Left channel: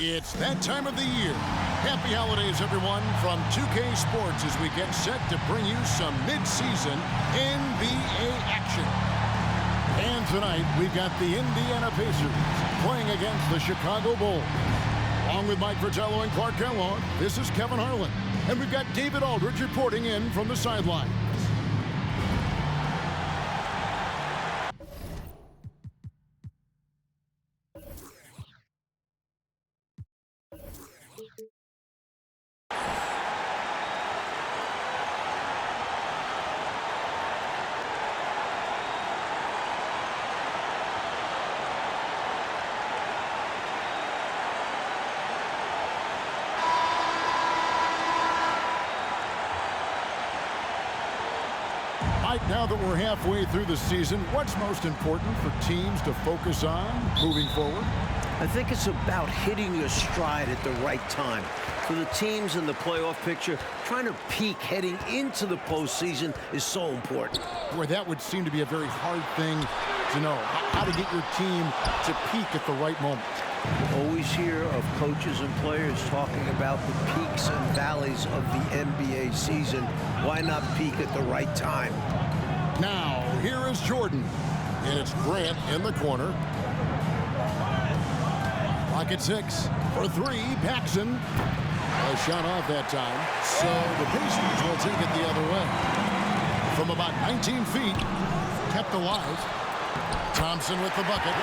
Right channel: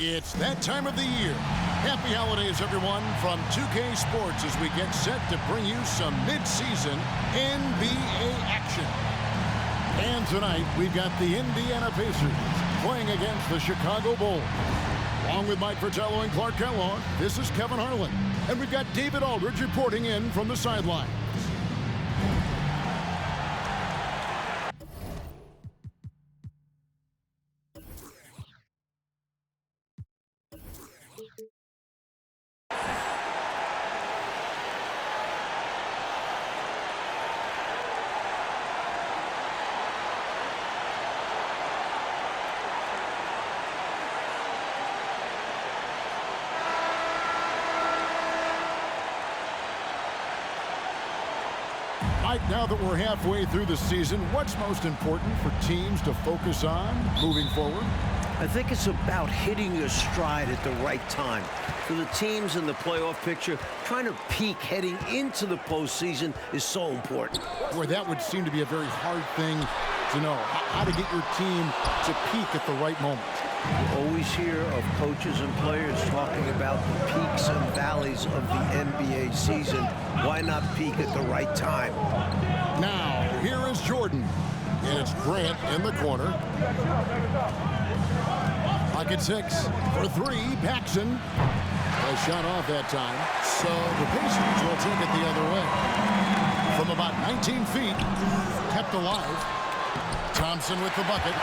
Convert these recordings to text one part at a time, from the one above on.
It's that time of the year. Happy holidays, everyone, from 2K Sports as we get set to bring you some mid-season NBA action. And tonight, we've got the Indiana Pacers playing against the Chicago Bulls. Along with Mike Fratello and Clark Kellogg, this is Kevin Harlan. And we've got David Aldridge reporting in from the sidelines. Mike, now that we're halfway through the season, what's most important for teams to focus on moving forward? I think it's about hitting your stride at the right time. For the teams in the playoff picture, trying to peak heading into the postseason is so important. Boy, that would seem to be a very hard thing to know, how to get your team to peak at the right moment. You always hear of coaches and players talking about the peaks and valleys of the NBA season. Why not peak at the right time? Now, here is Jordan. And it's Grant in the corner. Clock at 6. For 3, Paxson. A shot off that time. So the Pacers will take it the other way. From about 19 feet, kept alive. Thompson with the bucket.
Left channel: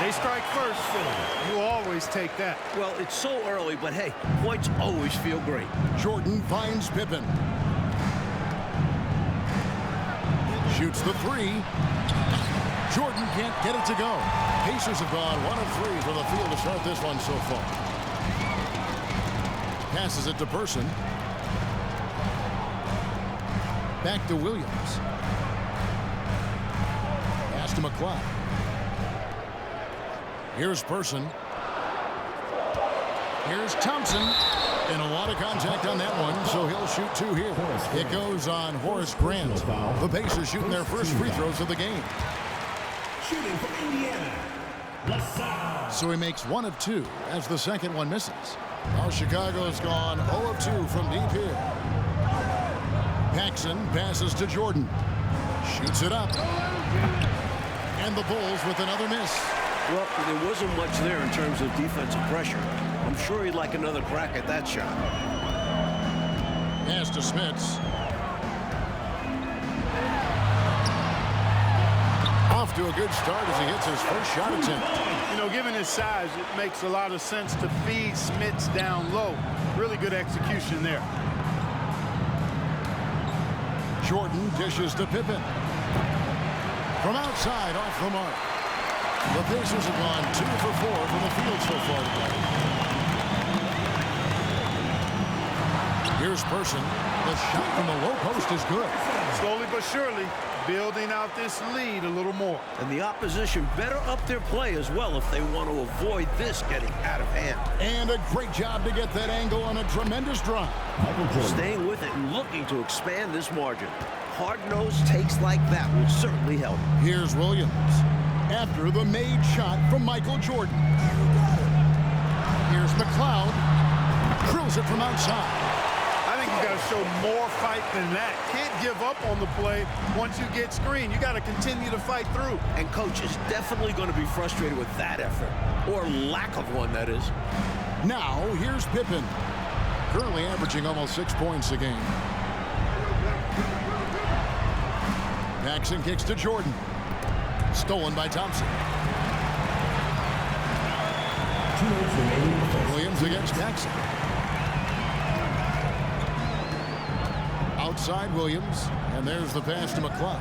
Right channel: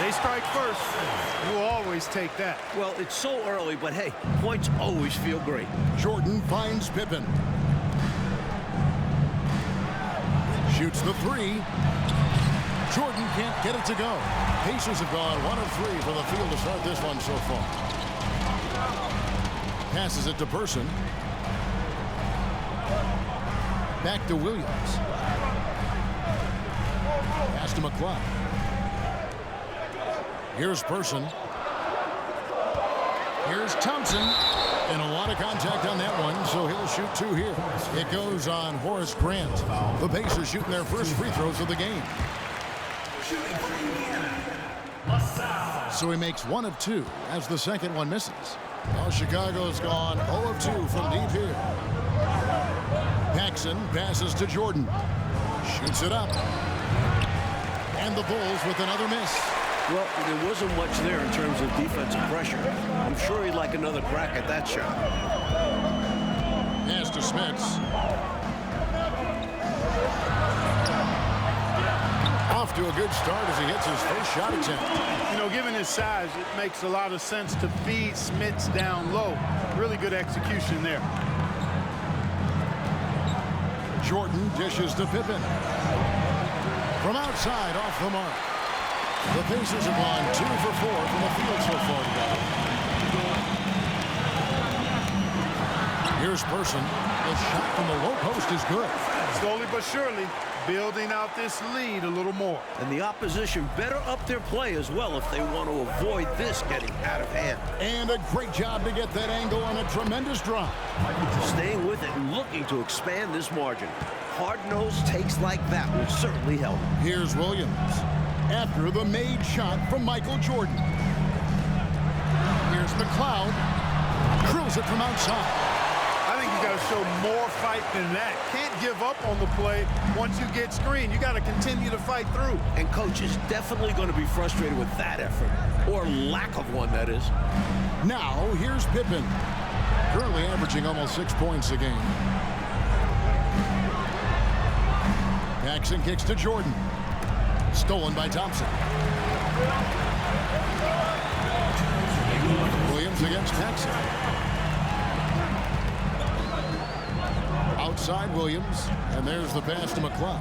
They strike first. You always take that. Well, it's so early, but hey, points always feel great. Jordan finds Pippen. Shoots the 3. Jordan can't get it to go. Pacers have gone 1 of 3 from the field to start this one so far. Passes it to Person. Back to Williams. Pass to McLeod. Here's Person. Here's Thompson. And a lot of contact on that one, so he'll shoot 2 here. It goes on Horace Grant. The Pacers shooting their first free throws of the game. Shooting for Indiana, So he makes 1 of 2 as the second one misses. Well, Chicago's gone 0 of 2 from deep here. Paxson passes to Jordan. Shoots it up. And the Bulls with another miss. Well, there wasn't much there in terms of defensive pressure. I'm sure he'd like another crack at that shot. Pass to Smits. Off to a good start as he hits his first shot attempt. You know, given his size, it makes a lot of sense to feed Smits down low. Really good execution there. Jordan dishes to Pippen. From outside, off the mark. The Pacers have gone 2 for 4 from the field so far today. Here's Person. The shot from the low post is good. Slowly but surely, building out this lead a little more. And the opposition better up their play as well if they want to avoid this getting out of hand. And a great job to get that angle on a tremendous drive. Staying with it and looking to expand this margin. Hard-nosed takes like that will certainly help. Here's Williams. After the made shot from Michael Jordan. Here's McLeod. Drills it from outside. I think you got to show more fight than that. Can't give up on the play once you get screened. You got to continue to fight through. And coach is definitely going to be frustrated with that effort. Or lack of one, that is. Now, here's Pippen. Currently averaging almost 6 points a game. Paxson kicks to Jordan. Stolen by Thompson. Williams against Paxson. Outside Williams, and there's the pass to McLeod.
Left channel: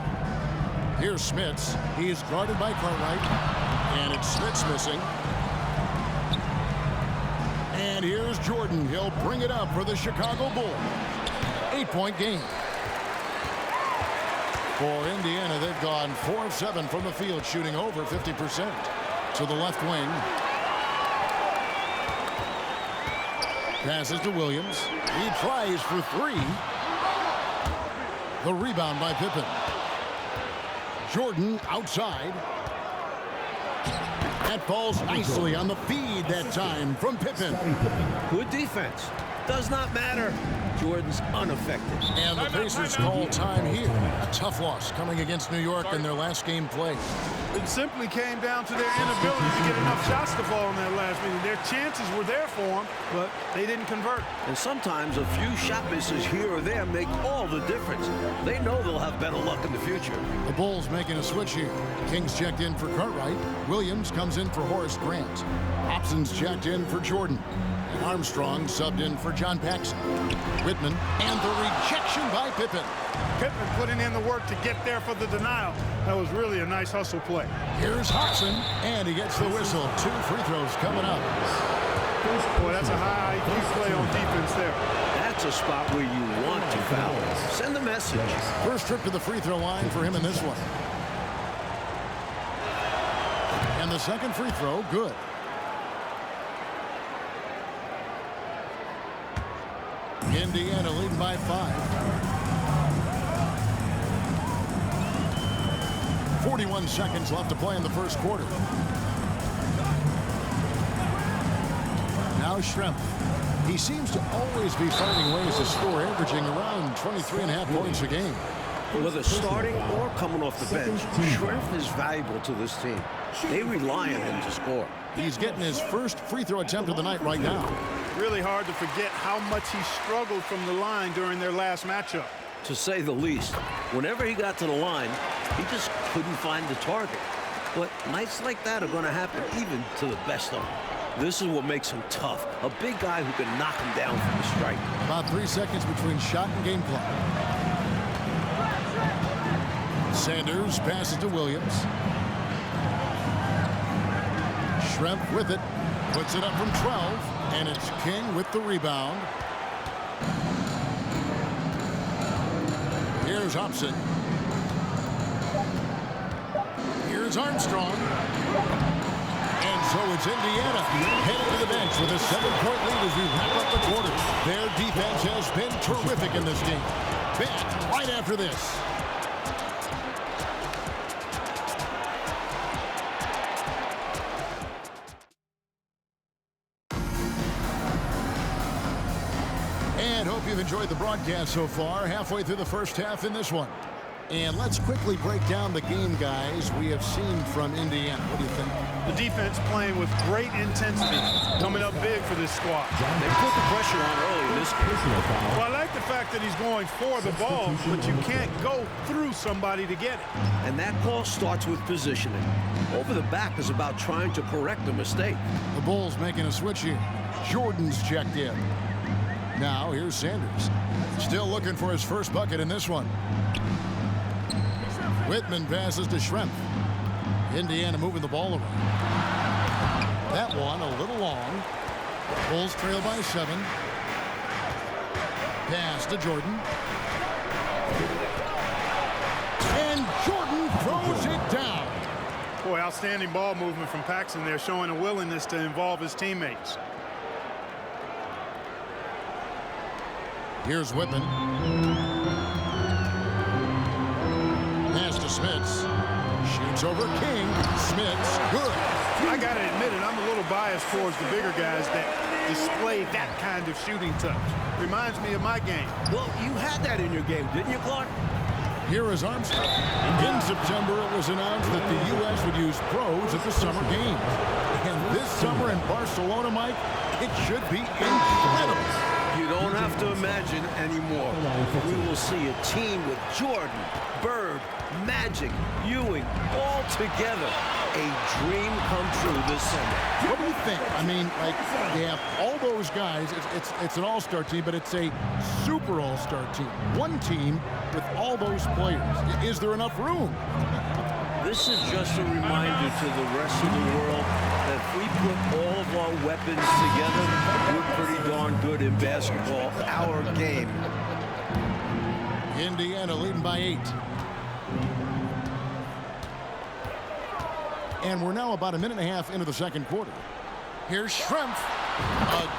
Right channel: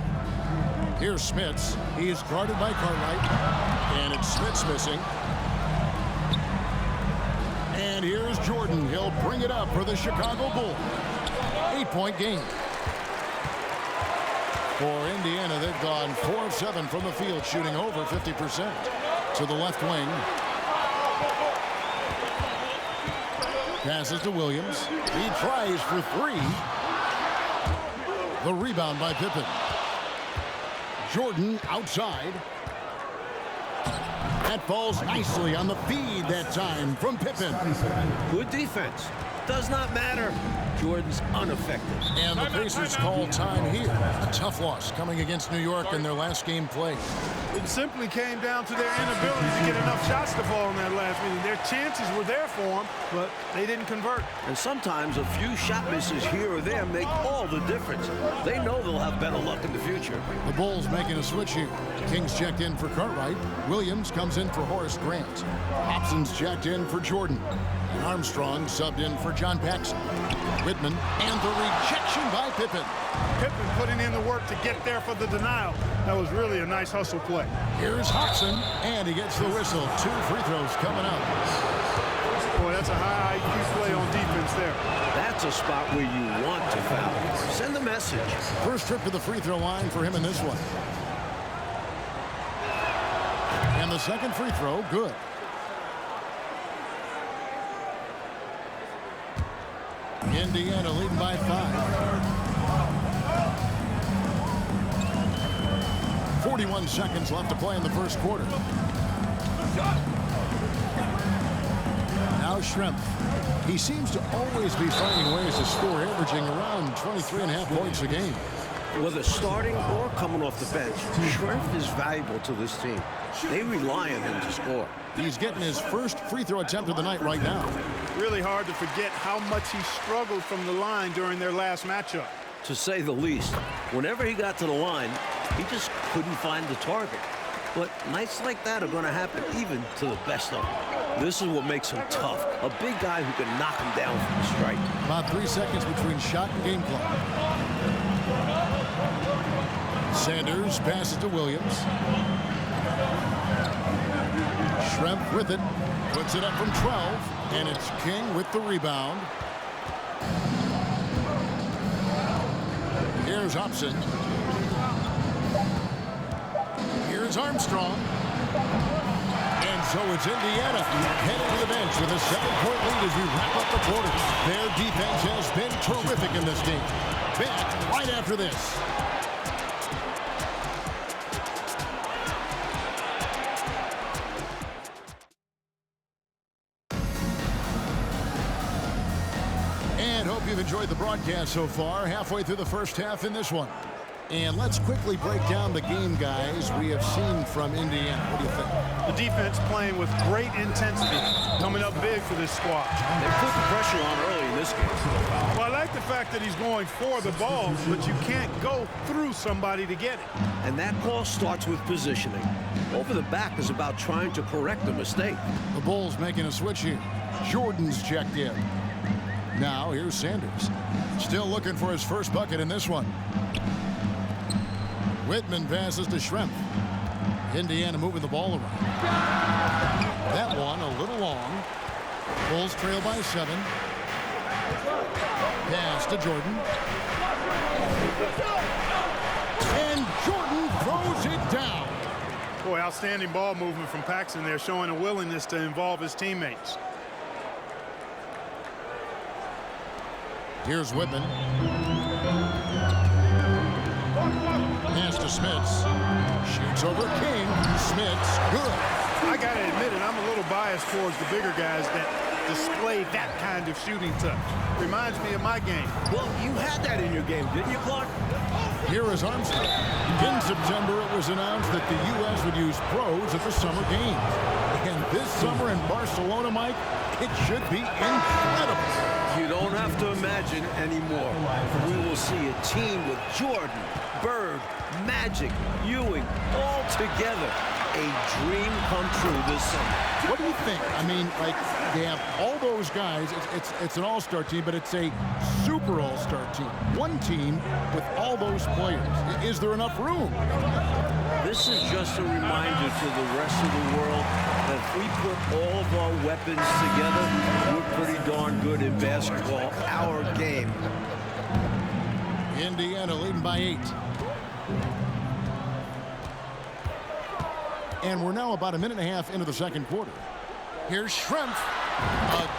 Here's Smits. He is guarded by Cartwright, and it's Smits missing. And here's Jordan. He'll bring it up for the Chicago Bulls. 8-point game. For Indiana, they've gone 4 of 7 from the field, shooting over 50%. To the left wing. Passes to Williams. He tries for 3. The rebound by Pippen. Jordan outside. That falls nicely on the feed that time from Pippen. Good defense. Does not matter. Jordan's unaffected. And the Pacers call time here. A tough loss coming against New York in their last game played. It simply came down to their inability to get enough shots to fall in that last meeting. Their chances were there for them, but they didn't convert. And sometimes a few shot misses here or there make all the difference. They know they'll have better luck in the future. The Bulls making a switch here. Kings checked in for Cartwright. Williams comes in for Horace Grant. Hobson's checked in for Jordan. And Armstrong subbed in for John Paxson. Whitman and the rejection by Pippen. Pippen putting in the work to get there for the denial. That was really a nice hustle play. Here's Hobson, and he gets the whistle. 2 free throws coming up. Boy, that's a high IQ play on defense there. That's a spot where you want to foul. Send the message. First trip to the free throw line for him in this one. And the second free throw, good. Indiana leading by 5. 41 seconds left to play in the first quarter. Now Schrempf. He seems to always be finding ways to score, averaging around 23.5 points a game. Whether starting or coming off the bench, Schrempf is valuable to this team. They rely on him to score. He's getting his first free throw attempt of the night right now. Really hard to forget how much he struggled from the line during their last matchup. To say the least, whenever he got to the line, he just couldn't find the target. But nights like that are going to happen even to the best of them. This is what makes him tough. A big guy who can knock him down from the strike. About 3 seconds between shot and game clock. Sanders passes to Williams. Schrempf with it. Puts it up from 12. And it's King with the rebound. Here's Hobson. Here's Armstrong. And so it's Indiana headed to the bench with a 7-point lead as we wrap up the quarter. Their defense has been terrific in this game. Back right after this. And hope you've enjoyed the broadcast so far. Halfway through the first half in this one. And let's quickly break down the game, guys, we have seen from Indiana. What do you think? The defense playing with great intensity, coming up big for this squad. They put the pressure on early in this game. Well, I like the fact that he's going for the ball, but you can't go through somebody to get it. And that call starts with positioning. Over the back is about trying to correct a mistake. The Bulls making a switch here. Jordan's checked in. Now here's Sanders. Still looking for his first bucket in this one. Whitman passes to Schrempf. Indiana moving the ball around. That one a little long. Bulls trail by 7. Pass to Jordan. And Jordan throws it down. Boy, outstanding ball movement from Paxson there, showing a willingness to involve his teammates. Here's Whitman. Pass to Smits. Shoots over King. Smits, good. I got to admit it, I'm a little biased towards the bigger guys that display that kind of shooting touch. Reminds me of my game. Well, you had that in your game, didn't you, Clark? Here is Armstrong. In September, it was announced that the U.S. would use pros at the summer games. And this summer in Barcelona, Mike, it should be incredible. You don't have to imagine anymore. We will see a team with Jordan, Bird, Magic, Ewing, all together. A dream come true this summer. What do you think? I mean, like, they have all those guys. It's an all-star team, but it's a super all-star team. One team with all those players. Is there enough room? This is just a reminder to the rest of the world that if we put all of our weapons together, we're pretty darn good in basketball, our game. Indiana leading by 8. And we're now about a minute and a half into the second quarter. Here's Schrempf.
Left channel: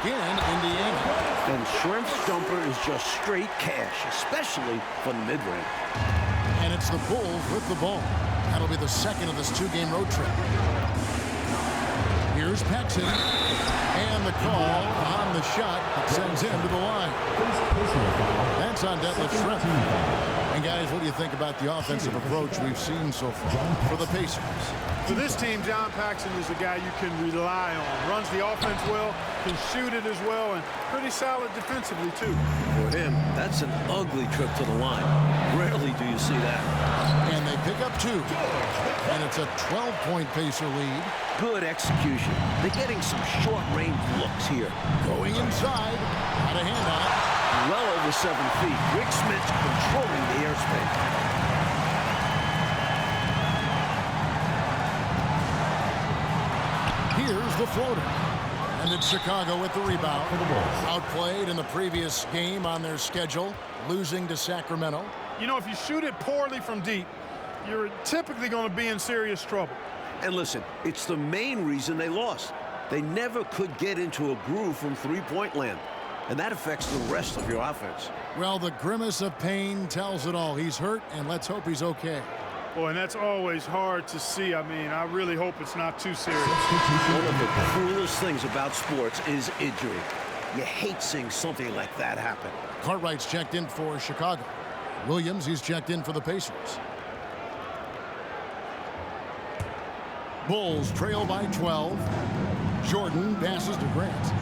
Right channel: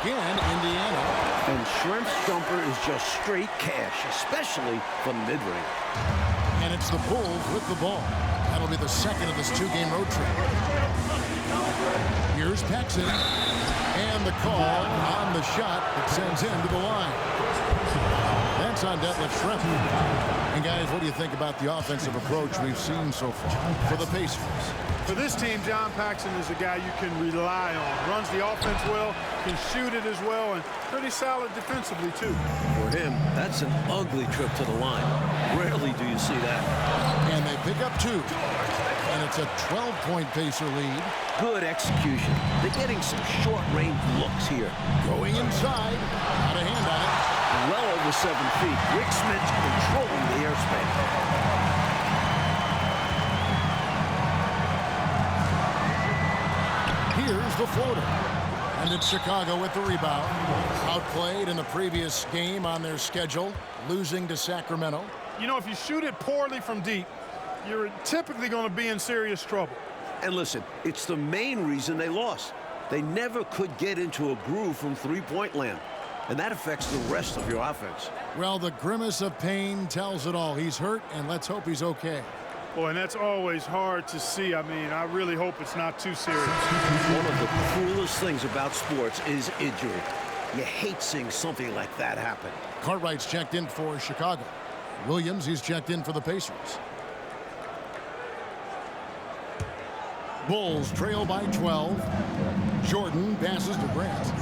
Again, Indiana. And Schrempf's jumper is just straight cash, especially from the mid-range. And it's the Bulls with the ball. That'll be the second of this 2-game road trip. Here's Paxson. And the call on the shot that sends him to the line. That's on Detlef Schrempf. And guys, what do you think about the offensive approach we've seen so far for the Pacers? For this team, John Paxson is a guy you can rely on. Runs the offense well, can shoot it as well, and pretty solid defensively, too. For him, that's an ugly trip to the line. Rarely do you see that. And they pick up 2. And it's a 12-point Pacer lead. Good execution. They're getting some short-range looks here. Going inside. Got a hand on it. Well over 7 feet. Rick Smith's controlling the airspace. Here's the floater. And it's Chicago with the rebound. Outplayed in the previous game on their schedule, losing to Sacramento. You know, if you shoot it poorly from deep, you're typically going to be in serious trouble. And listen, it's the main reason they lost. They never could get into a groove from three-point land. And that affects the rest of your offense. Well, the grimace of pain tells it all. He's hurt, and let's hope he's okay. Boy, and that's always hard to see. I mean, I really hope it's not too serious. One of the cruelest things about sports is injury. You hate seeing something like that happen. Cartwright's checked in for Chicago. Williams, he's checked in for the Pacers. Bulls trail by 12. Jordan passes to Grant.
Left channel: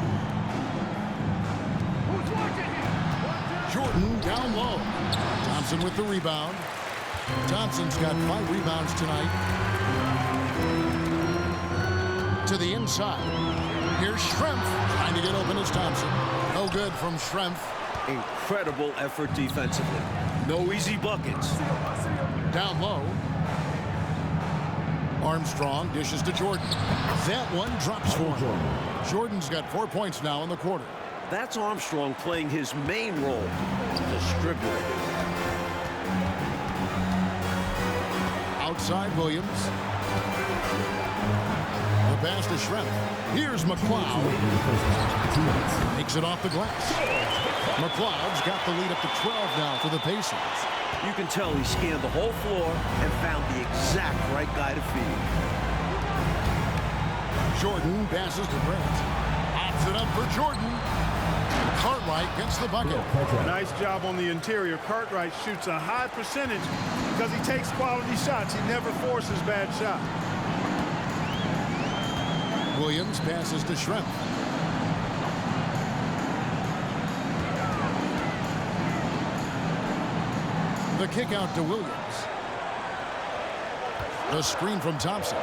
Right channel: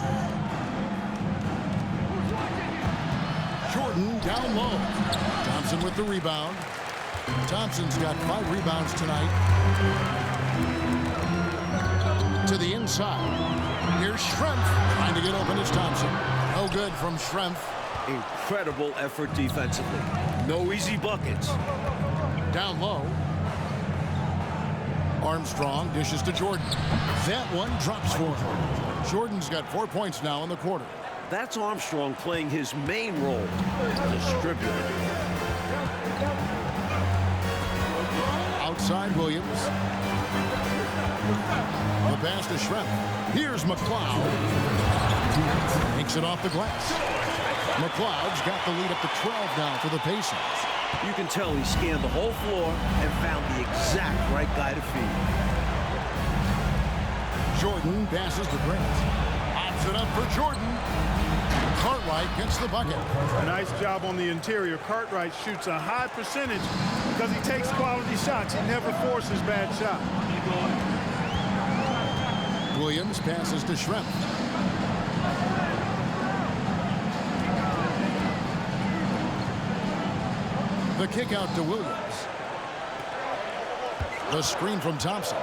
Jordan down low. Thompson with the rebound. Thompson's got 5 rebounds tonight. To the inside. Here's Schrempf trying to get open as Thompson. No good from Schrempf. Incredible effort defensively. No easy buckets. Down low. Armstrong dishes to Jordan. That one drops for him. Jordan's got 4 points now in the quarter. That's Armstrong playing his main role, distributor. Outside Williams. The pass to Schrempf. Here's McLeod. Makes it off the glass. McLeod's got the lead up to 12 now for the Pacers. You can tell he scanned the whole floor and found the exact right guy to feed. Jordan passes to Grant. Opts it up for Jordan. Cartwright gets the bucket. Nice job on the interior. Cartwright shoots a high percentage because he takes quality shots. He never forces bad shots. Williams passes to Schrempf. The kick out to Williams. The screen from Thompson.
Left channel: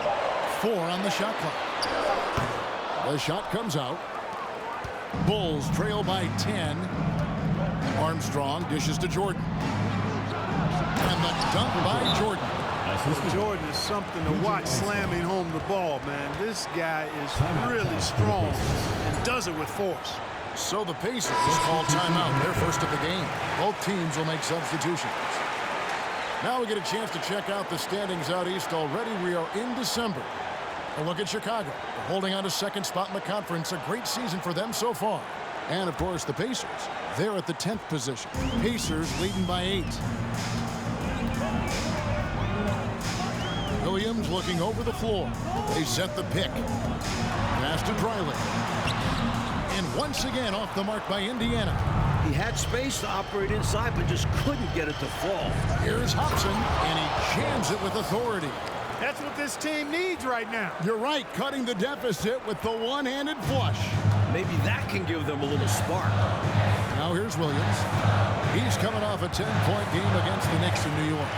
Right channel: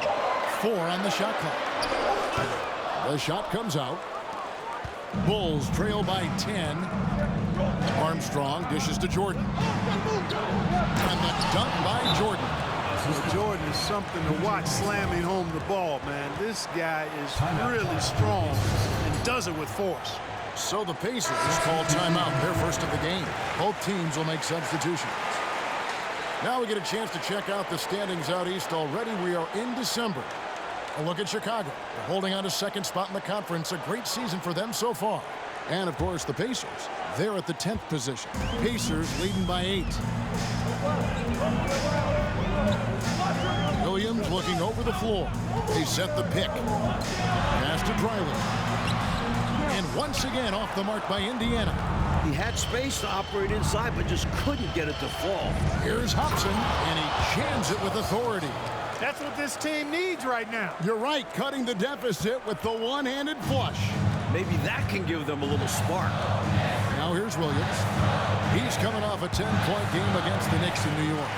4 on the shot clock. The shot comes out. Bulls trail by 10. Armstrong dishes to Jordan. And the dunk by Jordan. Well, Jordan is something to watch slamming home the ball, man. This guy is really strong and does it with force. So the Pacers call timeout, their first of the game. Both teams will make substitutions. Now we get a chance to check out the standings out east. Already we are in December. A look at Chicago. They're holding on to second spot in the conference. A great season for them so far. And, of course, the Pacers. They're at the 10th position. Pacers leading by 8. Williams looking over the floor. They set the pick. Pass to Dreiling. And once again off the mark by Indiana. He had space to operate inside, but just couldn't get it to fall. Here's Hobson, and he jams it with authority. That's what this team needs right now. You're right, cutting the deficit with the one-handed flush. Maybe that can give them a little spark. Now here's Williams. He's coming off a 10-point game against the Knicks in New York.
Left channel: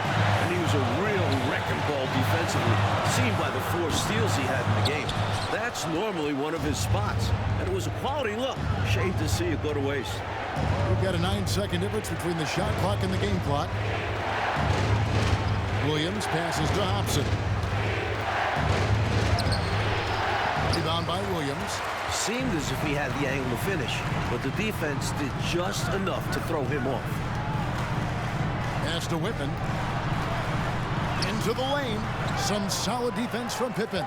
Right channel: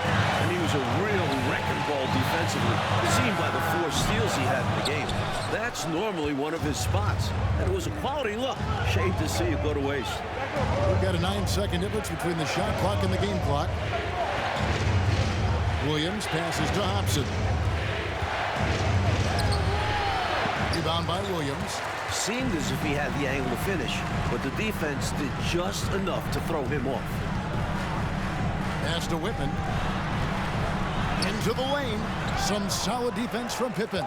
And he was a real wrecking ball defensively, seen by the 4 steals he had in the game. That's normally one of his spots, and it was a quality look. Shame to see it go to waste. We've got a 9-second difference between the shot clock and the game clock. Williams passes to Hobson. Rebound by Williams. Seemed as if he had the angle to finish, but the defense did just enough to throw him off. Pass to Whitman. Into the lane. Some solid defense from Pippen.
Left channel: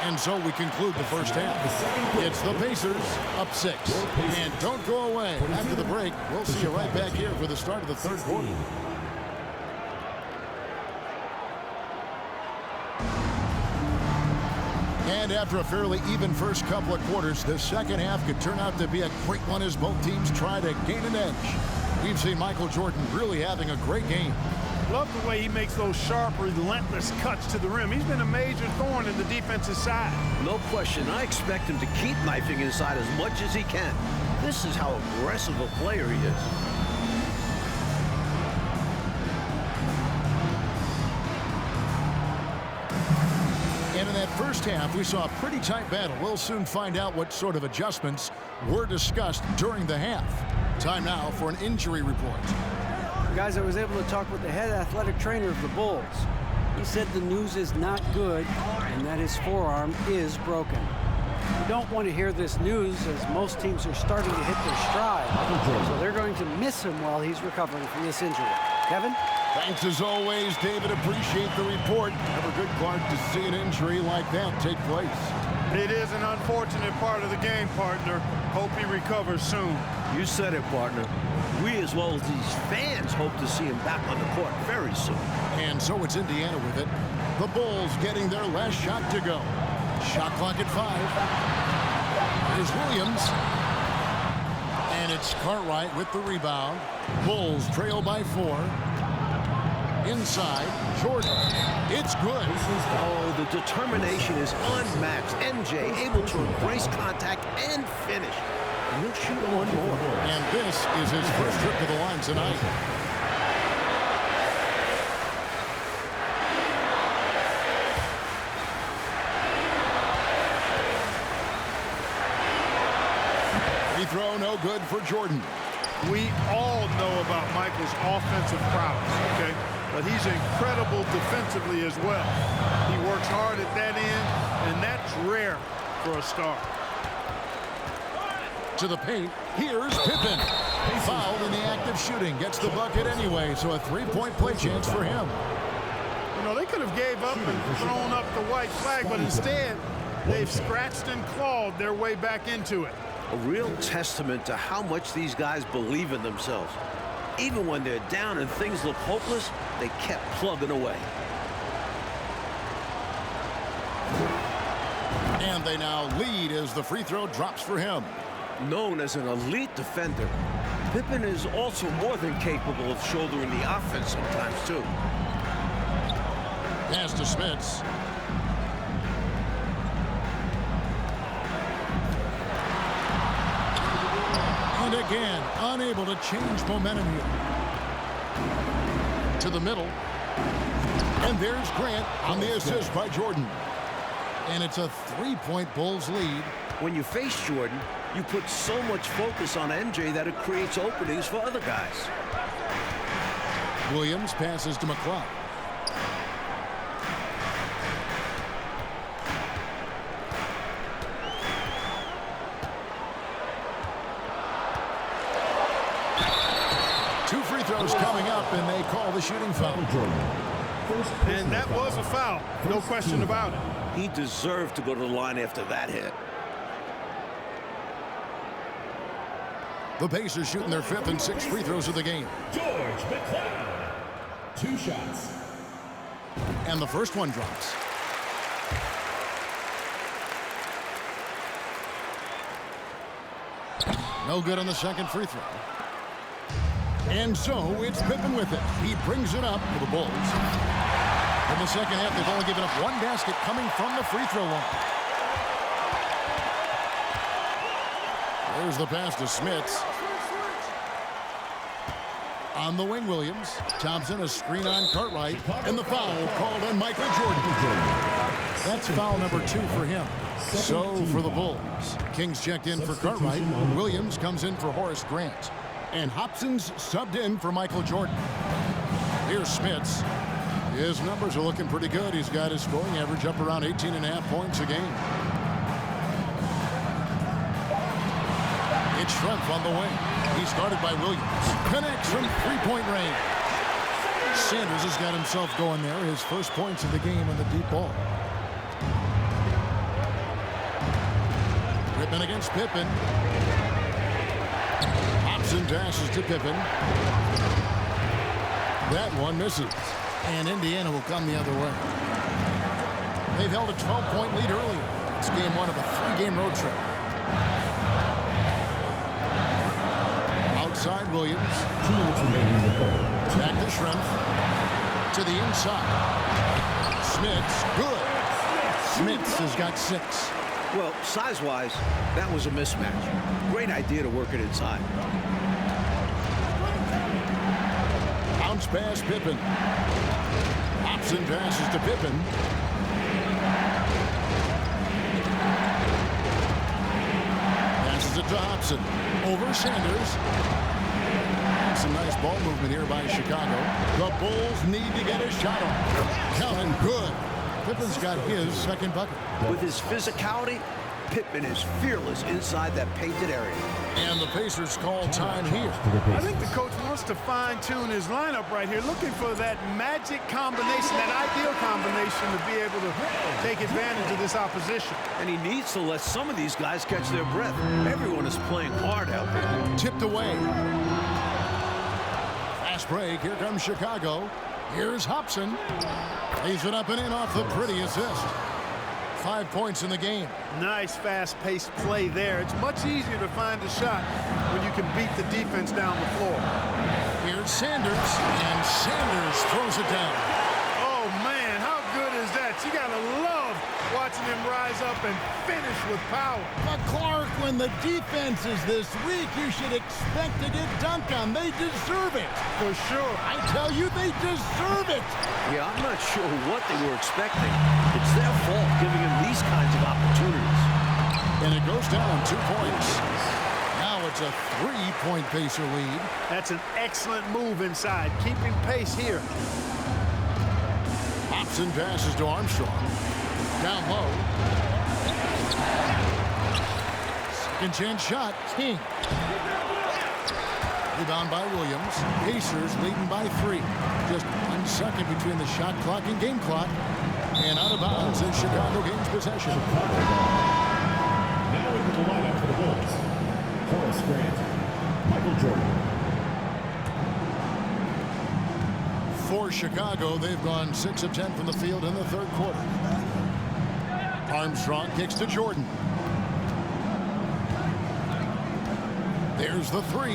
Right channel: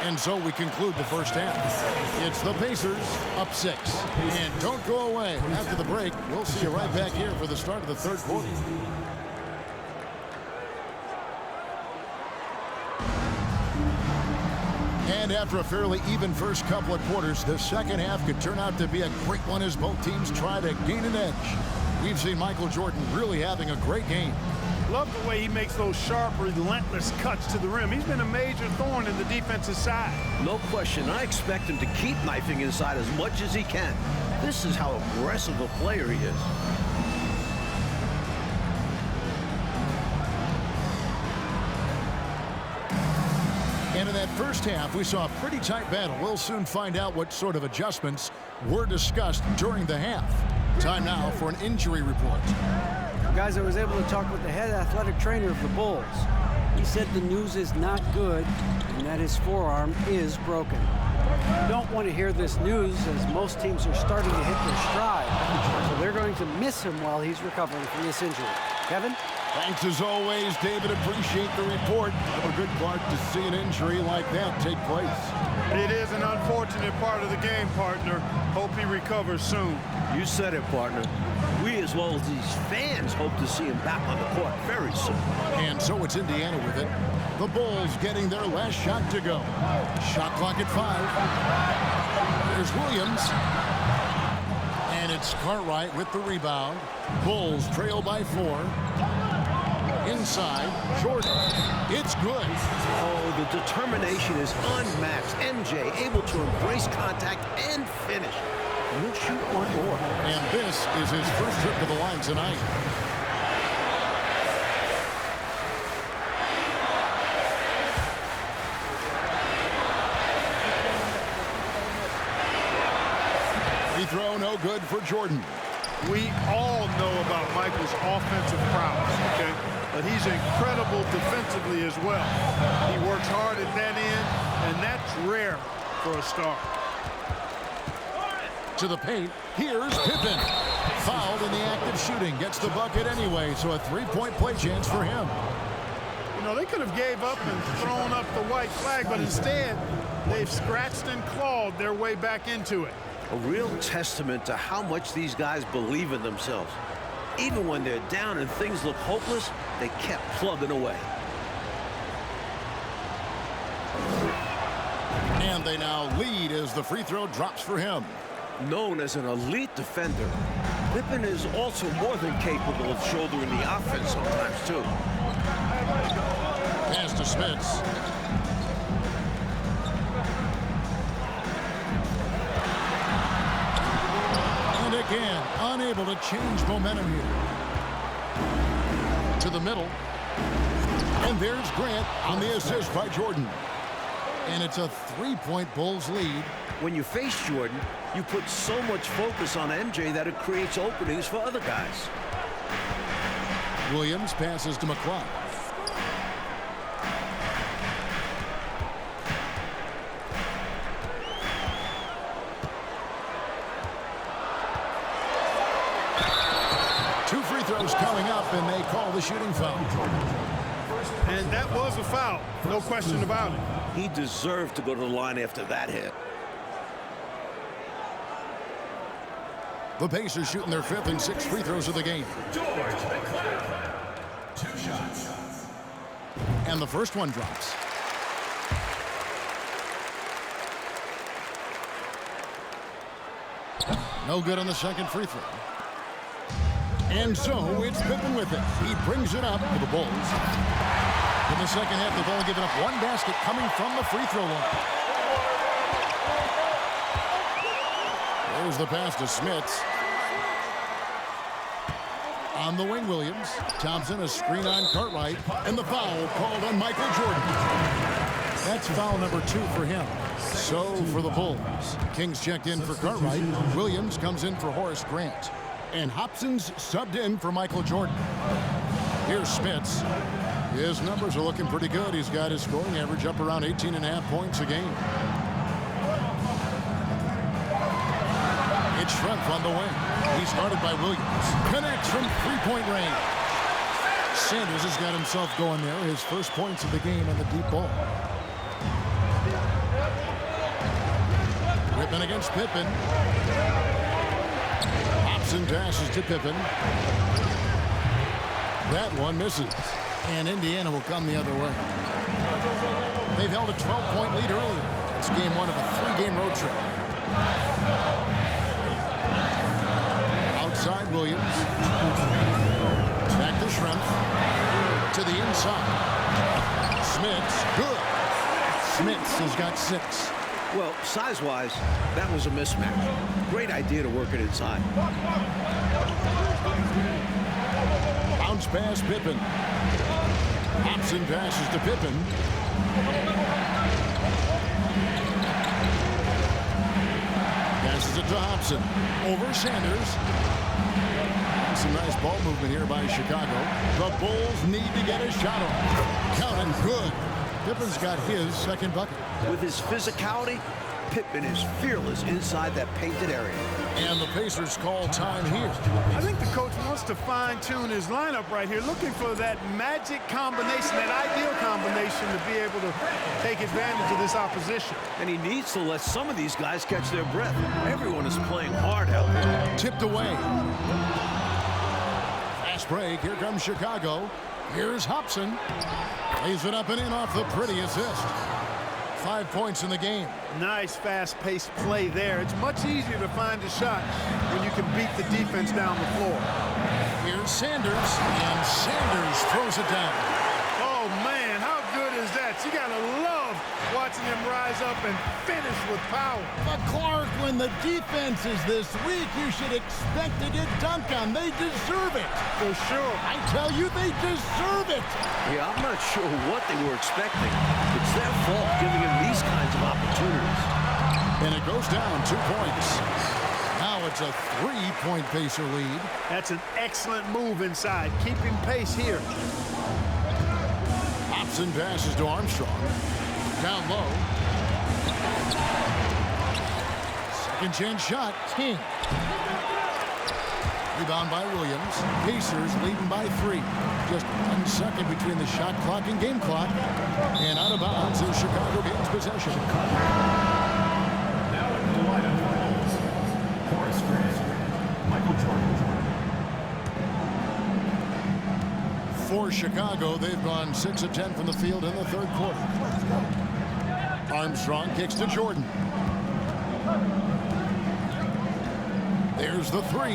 And so we conclude the first half. It's the Pacers up 6. And don't go away. After the break, we'll see you right back here for the start of the third quarter. And after a fairly even first couple of quarters, the second half could turn out to be a great one as both teams try to gain an edge. We've seen Michael Jordan really having a great game. Love the way he makes those sharp, relentless cuts to the rim. He's been a major thorn in the defensive side. No question. I expect him to keep knifing inside as much as he can. This is how aggressive a player he is. And in that first half, we saw a pretty tight battle. We'll soon find out what sort of adjustments were discussed during the half. Time now for an injury report. Guys, I was able to talk with the head athletic trainer of the Bulls. He said the news is not good and that his forearm is broken. You don't want to hear this news as most teams are starting to hit their stride. So they're going to miss him while he's recovering from this injury. Kevin? Thanks as always, David. Appreciate the report. Never good, Clark, to see an injury like that take place. It is an unfortunate part of the game, partner. Hope he recovers soon. You said it, partner. We, as well as these fans, hope to see him back on the court very soon. And so it's Indiana with it. The Bulls getting their last shot to go. Shot clock at 5. There's Williams. And it's Cartwright with the rebound. Bulls trail by 4. Inside, Jordan. It's good. Oh, the determination is unmatched. MJ able to embrace contact and finish. And he'll shoot one more. And this is his first trip to the line tonight. Free throw, no good for Jordan. We all know about Michael's offensive prowess, okay? But he's incredible defensively as well. He works hard at that end, and that's rare for a star. To the paint, here's Pippen. Fouled in the act of shooting, gets the bucket anyway, so a three-point play chance for him. You know, they could have gave up and thrown up the white flag, but instead, they've scratched and clawed their way back into it. A real testament to how much these guys believe in themselves. Even when they're down and things look hopeless, they kept plugging away. And they now lead as the free throw drops for him. Known as an elite defender, Pippen is also more than capable of shouldering the offense sometimes, too. Pass to Smits. And again, unable to change momentum here. To the middle. And there's Grant on the assist by Jordan. And it's a three-point Bulls lead. When you face Jordan, you put so much focus on MJ that it creates openings for other guys. Williams passes to McCloud. Two free throws coming up, and they call the shooting foul. And that was a foul, no question about it. He deserved to go to the line after that hit. The Pacers shooting their 5th and 6th free throws of the game. George McCloud. 2 shots. And the first one drops. No good on the second free throw. And so it's Pippen with it. He brings it up for the Bulls. In the second half, they've only given up one basket coming from the free throw line. There's the pass to Smits. On the wing, Williams. Thompson, a screen on Cartwright. And the foul called on Michael Jordan. That's foul number 2 for him. So for the Bulls. Kings checked in for Cartwright. Williams comes in for Horace Grant. And Hobson's subbed in for Michael Jordan. Here's Smits. His numbers are looking pretty good. He's got his scoring average up around 18.5 points a game. It's Schrempf on the wing. He's guarded by Williams. Connects from three-point range. Sanders has got himself going there. His first points of the game on the deep ball. Pippen against Pippen. Hobson dashes to Pippen. That one misses. And Indiana will come the other way. They've held a 12-point lead earlier. It's game one of a 3-game road trip. Outside Williams. Back to Schrempf. To the inside. Smith's good. Smiths has got 6. Well, size-wise, that was a mismatch. Great idea to work it inside. Bounce pass Pippen. Hobson passes to Pippen. Passes it to Hobson. Over Sanders. Some nice ball movement here by Chicago. The Bulls need to get a shot off. Counting good. Pippen's got his second bucket. With his physicality, Pippen is fearless inside that painted area. And the Pacers call time here. I think the coach wants to fine-tune his lineup right here, looking for that magic combination, that ideal combination to be able to take advantage of this opposition. And he needs to let some of these guys catch their breath. Everyone is playing hard out there. Tipped away. Fast break. Here comes Chicago. Here's Hobson. Lays it up and in off the pretty assist. 5 points in the game. Nice fast-paced play there. It's much easier to find a shot when you can beat the defense down the floor. Here's Sanders, and Sanders throws it down. Oh, man, how good is that? You got to love watching him rise up and finish with power. But Clark, when the defense is this weak, you should expect to get dunked on. They deserve it. For sure. I tell you, they deserve it. Yeah, I'm not sure what they were expecting. It's their fault giving him these kinds of opportunities. And it goes down 2 points. Now it's a 3-point Pacer lead. That's an excellent move inside, keeping pace here. Hobson passes to Armstrong. Down low. Second chance shot. King. Rebound by Williams. Pacers leading by 3. Just 1 second between the shot clock and game clock. And out of bounds as Chicago gains possession. Now into the lineup for the Bulls. Horace Grant, Michael Jordan. For Chicago, they've gone 6 of 10 from the field in the third quarter. Armstrong kicks to Jordan. There's the 3.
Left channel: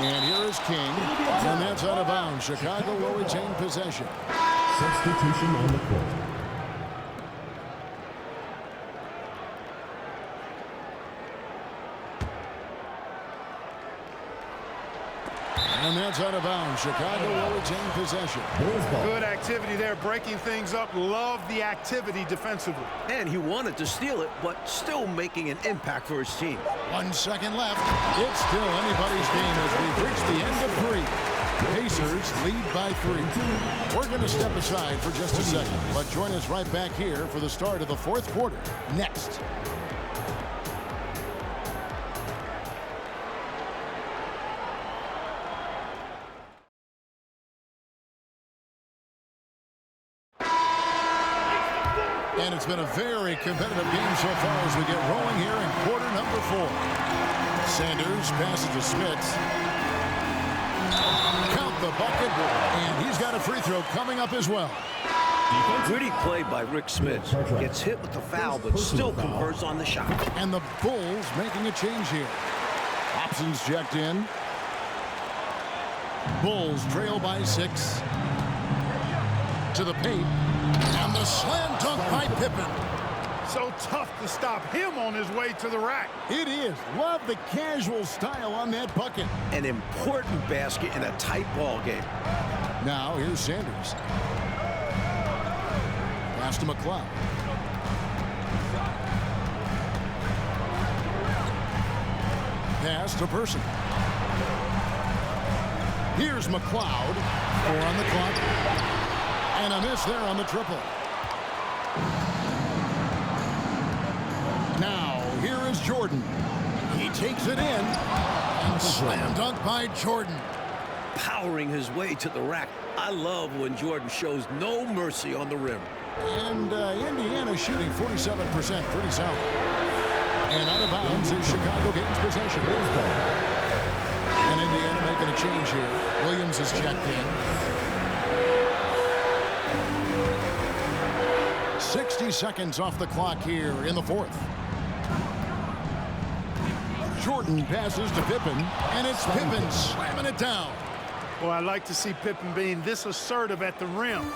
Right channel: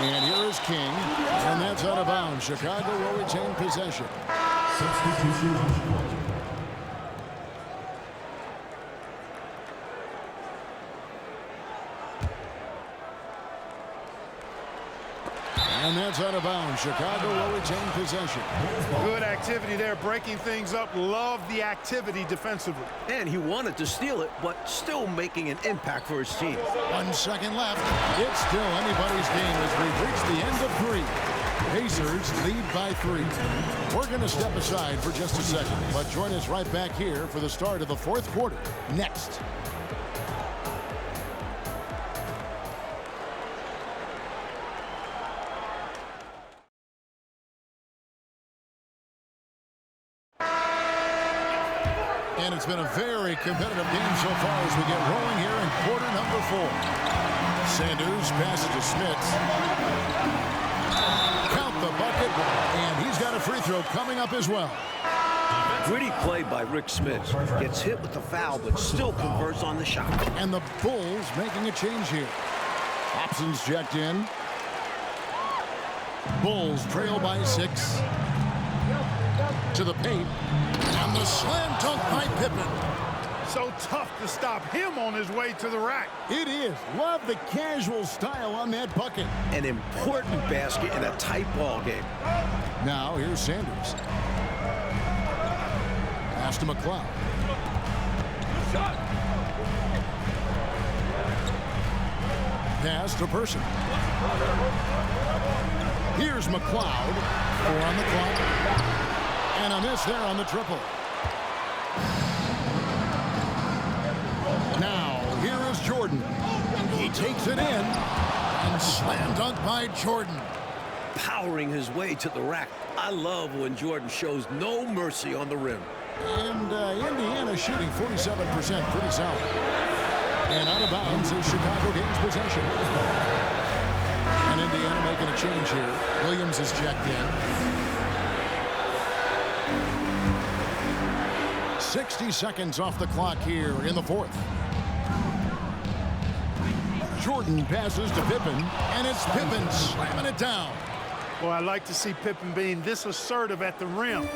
And here is King. And that's out of bounds. Chicago will retain possession. Substitution on the court. And that's out of bounds. Chicago will retain possession. Good activity there, breaking things up. Love the activity defensively. And he wanted to steal it, but still making an impact for his team. 1 second left. It's still anybody's game as we've reached the end of 3. Pacers lead by 3. We're going to step aside for just a second, but join us right back here for the start of the fourth quarter. Next. And it's been a very competitive game so far as we get rolling here in quarter number 4. Sanders passes to Smiths. Count the bucket, and he's got a free throw coming up as well. Gritty play by Rick Smiths. Gets hit with the foul, but still converts on the shot. And the Bulls making a change here. Hobson's checked in. Bulls trail by 6. To the paint. And the slam dunk by Pippen. So tough to stop him on his way to the rack. It is. Love the casual style on that bucket. An important basket in a tight ball game. Now here's Sanders. Pass to McLeod. Pass to Person. Here's McLeod. 4 on the clock. And a miss there on the triple. Now, here is Jordan. He takes it in. And slam dunk by Jordan. Powering his way to the rack. I love when Jordan shows no mercy on the rim. And Indiana shooting 47%. Pretty solid. And out of bounds as Chicago gains possession. And Indiana making a change here. Williams is checked in. 60 seconds off the clock here in the fourth. Jordan passes to Pippen, and it's Pippen slamming it down. Well, I like to see Pippen being this assertive at the rim.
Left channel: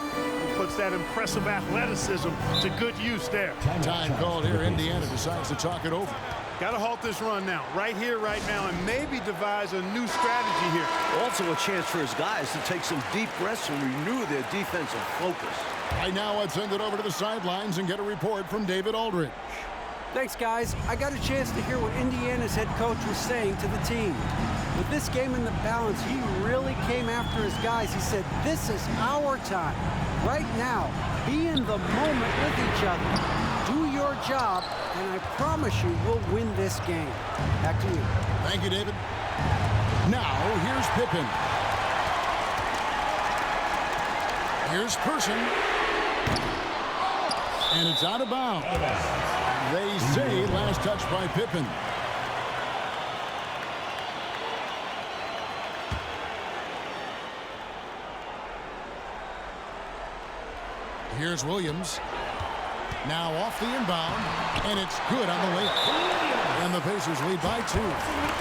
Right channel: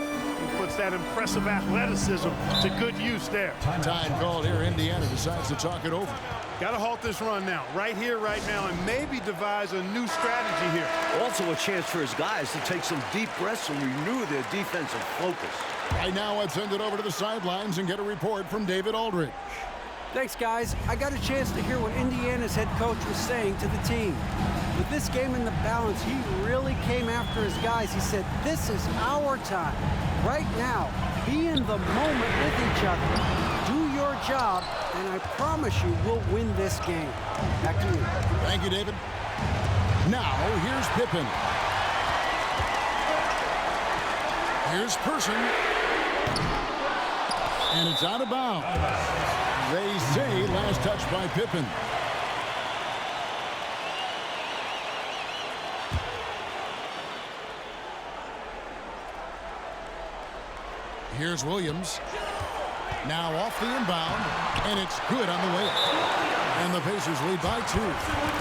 He puts that impressive athleticism to good use there. Time called here. Indiana decides to talk it over. Got to halt this run now, right here, right now, and maybe devise a new strategy here. Also a chance for his guys to take some deep breaths and renew their defensive focus. Right now, let's send it over to the sidelines and get a report from David Aldridge. Thanks, guys. I got a chance to hear what Indiana's head coach was saying to the team. With this game in the balance, he really came after his guys. He said, this is our time. Right now, be in the moment with each other. Do your job, and I promise you we'll win this game. Back to you. Thank you, David. Now, here's Pippen. Here's Person. And it's out of bounds. They say last touch by Pippen. Here's Williams. Now off the inbound, and it's good on the way up. And the Pacers lead by 2.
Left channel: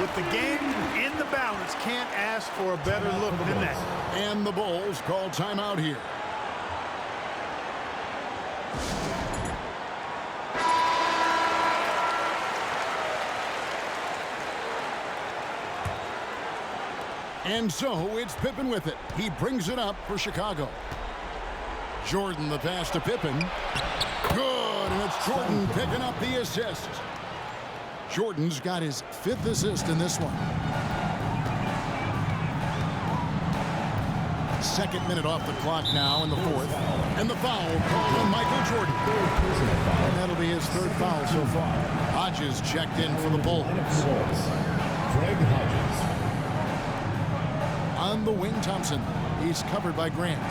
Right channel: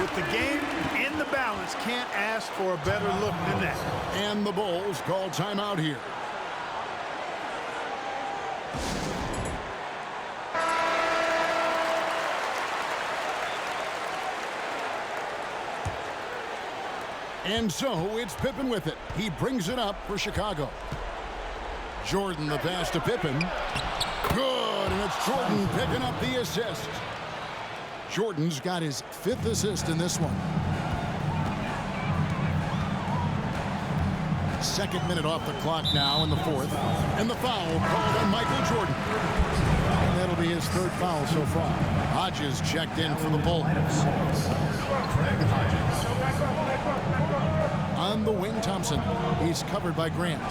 With the game in the balance, can't ask for a better look than that. And the Bulls call timeout here. And so it's Pippen with it. He brings it up for Chicago. Jordan the pass to Pippen. Good, and it's Jordan picking up the assist. Jordan's got his 5th assist in this one. 2nd minute off the clock now in the 4th. And the foul called on Michael Jordan. And that'll be his 3rd foul so far. Hodges checked in for the Bulls. Craig Hodges. On the wing, Thompson. He's covered by Grant.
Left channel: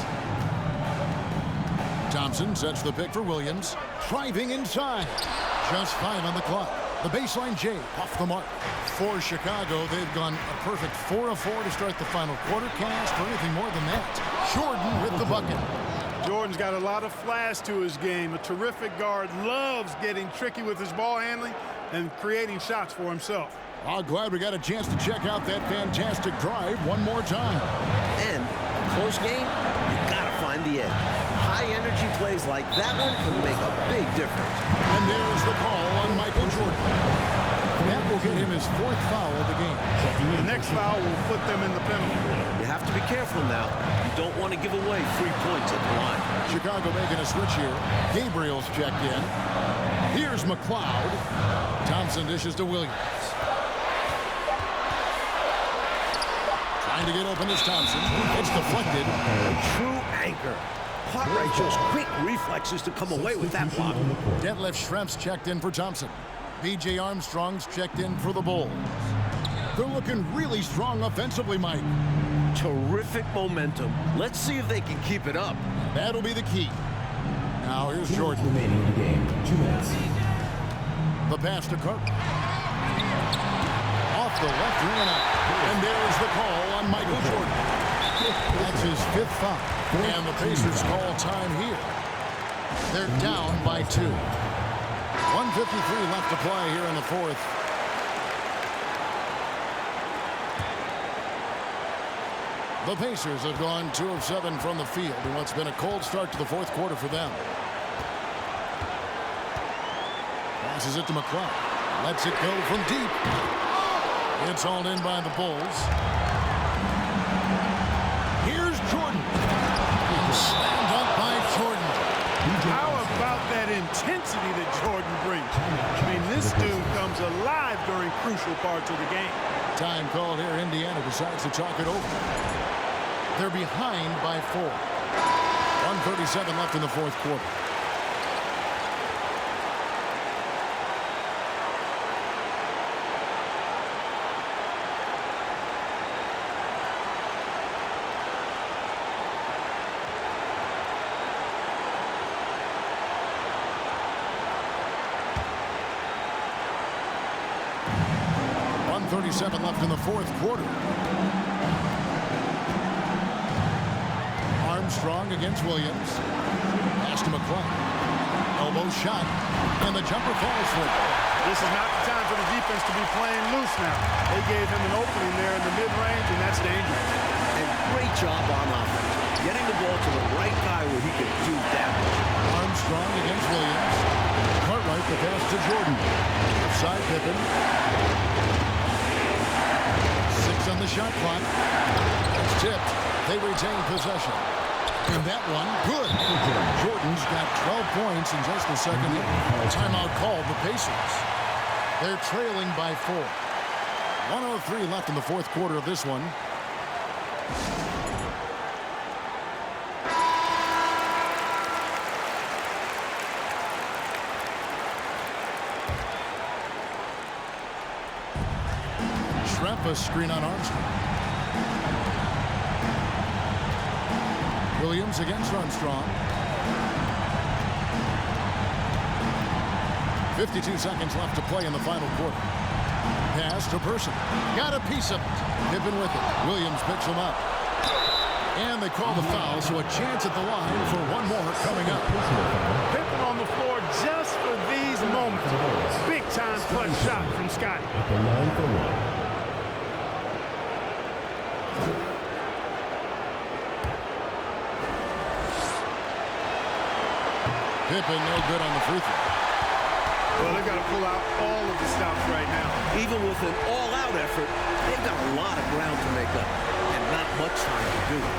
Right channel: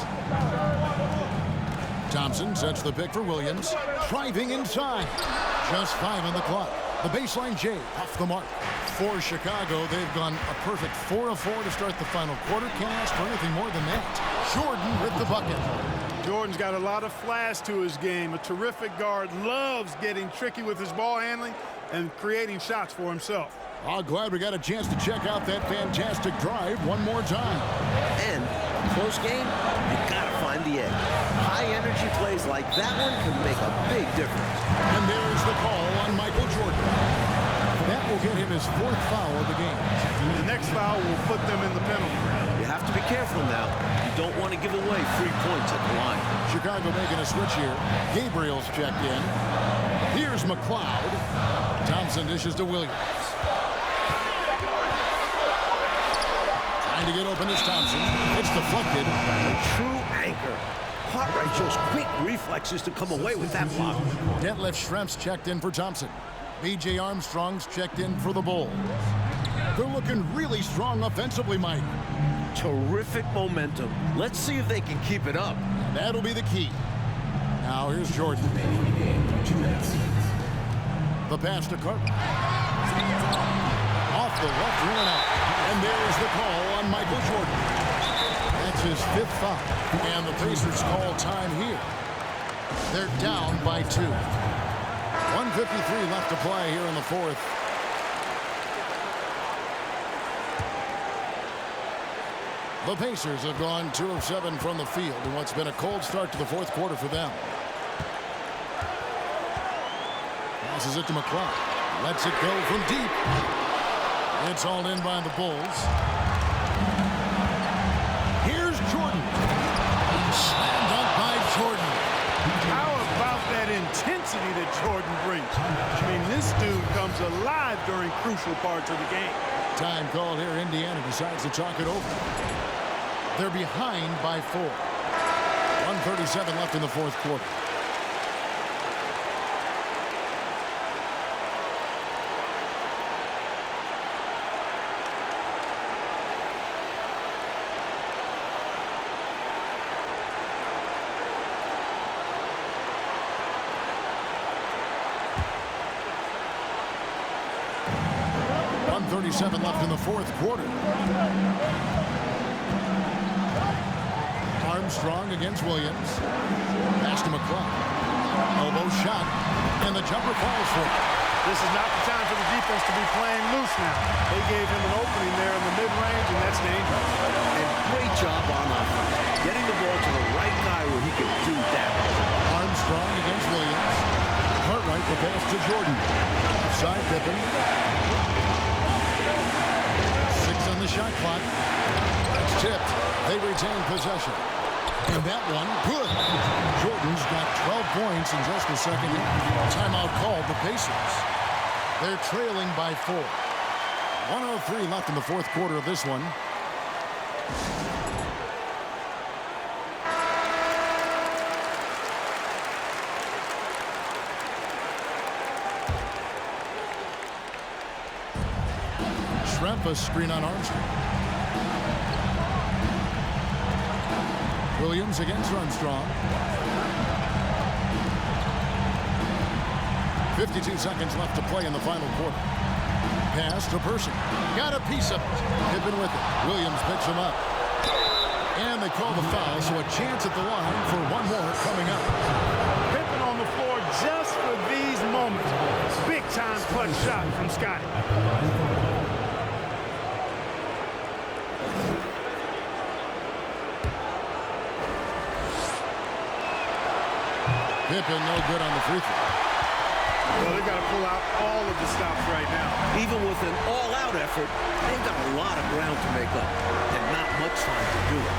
Thompson sets the pick for Williams. Driving inside. Just 5 on the clock. The baseline J off the mark. For Chicago, they've gone a perfect 4 of 4 to start the final quarter. Can't ask for anything more than that. Jordan with the bucket. Jordan's got a lot of flash to his game. A terrific guard, loves getting tricky with his ball handling and creating shots for himself. Oh, glad we got a chance to check out that fantastic drive one more time. And a close game, you gotta find the edge. High energy plays like that one can make a big difference. And there's the call on Michael Jordan. That will get him his 4th foul of the game. The next foul will put them in the penalty. You have to be careful now. You don't want to give away free points at the line. Chicago making a switch here. Gabriel's checked in. Here's McLeod. Thompson dishes to Williams. Trying to get open is Thompson. It's deflected. A true anchor. Cartwright shows quick reflexes to come away with that block. Detlef Schrempf's checked in for Thompson. B.J. Armstrong's checked in for the Bulls. They're looking really strong offensively, Mike. Terrific momentum. Let's see if they can keep it up. And that'll be the key. Now here's Jordan. Remaining in the game, 2 minutes. The pass to Cartwright. Off the left rim and out. And there's the call on Michael Jordan. That's his 5th foul. And the Pacers call time here. They're down by 2. 1:53 left to play here in the 4th. The Pacers have gone 2 of 7 from the field in what's been a cold start to the 4th quarter for them. Passes it to McLeod. Lets it go from deep. It's hauled in by the Bulls. Here's Jordan. And slam dunk by Jordan. How about that intensity that Jordan brings? I mean, this dude comes alive during crucial parts of the game. Time called here. Indiana decides to talk it over. They're behind by 4. 1:37 left in the 4th quarter. .37 left in the 4th quarter. Armstrong against Williams. Pass to McLeod. Elbow shot, and the jumper falls for it. This is not the time for the defense to be playing loose now. They gave him an opening there in the mid-range, and that's dangerous. And great job on offense, getting the ball to the right guy where he can do damage. Armstrong against Williams. Cartwright the pass to Jordan. Offside Pippen. 6 on the shot clock. That's tipped. They retain possession. And that one, good. Jordan's got 12 points in just the second half. Timeout called the Pacers. They're trailing by 4. 1:03 left in the fourth quarter of this one. Schrempf a screen on Armstrong. Williams against Armstrong. 52 seconds left to play in the final quarter. Pass to Person. Got a piece of it. Pippen with it. Williams picks him up. And they call the foul, so a chance at the line for one more coming up. Pippen on the floor just for these moments. Big-time clutch shot from Scotty. At the line for one. Pippen no good on the free throw. Well, they've got to pull out all of the stops right now. Even with an all-out effort, they've got a lot of ground to make up and not much time to do it.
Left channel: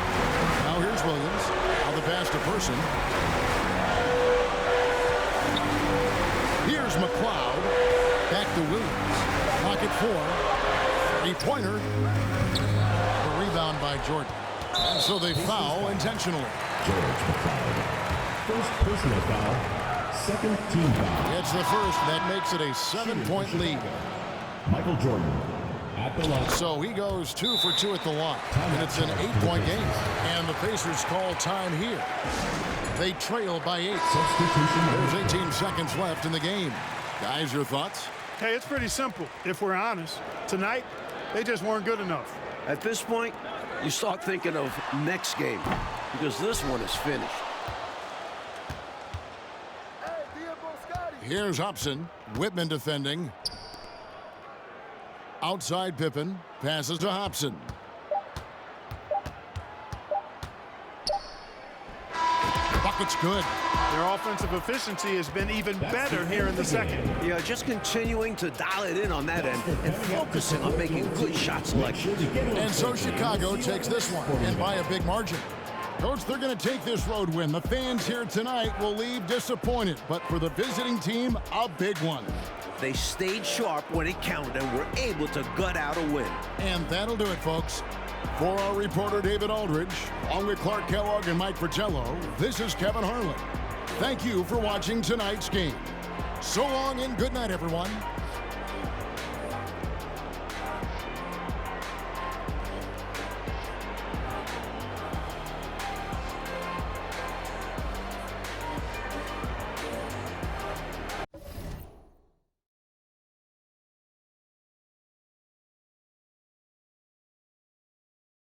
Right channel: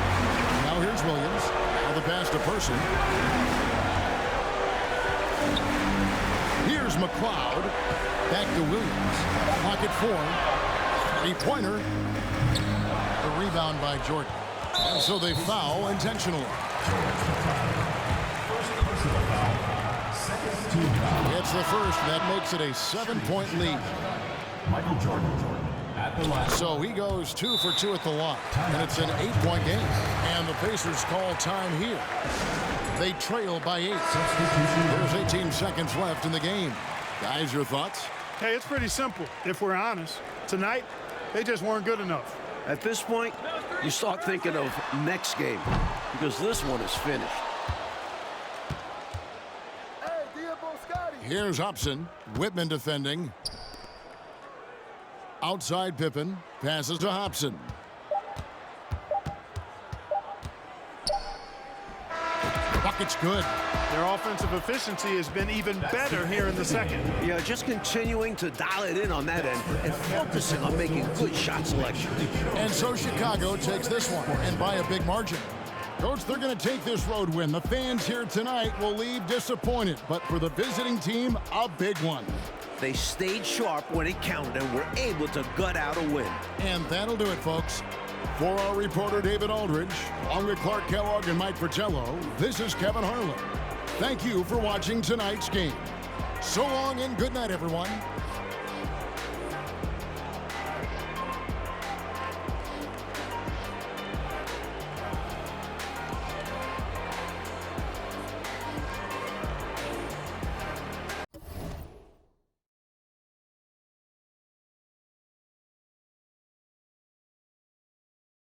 Now here's Williams. Now the pass to Person. Here's McLeod. Back to Williams. Pocket 4. Three-pointer. The rebound by Jordan. And so they foul intentionally. George McLeod. First personal foul. Second team foul. It's the first. That makes it a 7-point lead. Michael Jordan at the line. So he goes 2 for 2 at the line. And it's an 8-point game. And the Pacers call time here. They trail by 8. Substitution. There's 18 seconds left in the game. Guys, your thoughts? Hey, it's pretty simple, if we're honest. Tonight, they just weren't good enough. At this point, you start thinking of next game because this one is finished. Here's Hobson. Whitman defending. Outside Pippen. Passes to Hobson. Bucket's good. Their offensive efficiency has been even better here in the second. Yeah, just continuing to dial it in on that end and focusing on making good shot selection. And so Chicago takes this one, and by a big margin. Coach, they're going to take this road win. The fans here tonight will leave disappointed, but for the visiting team, a big one. They stayed sharp when it counted and were able to gut out a win. And that'll do it, folks. For our reporter, David Aldridge, along with Clark Kellogg and Mike Fratello, this is Kevin Harlan. Thank you for watching tonight's game. So long and good night, everyone.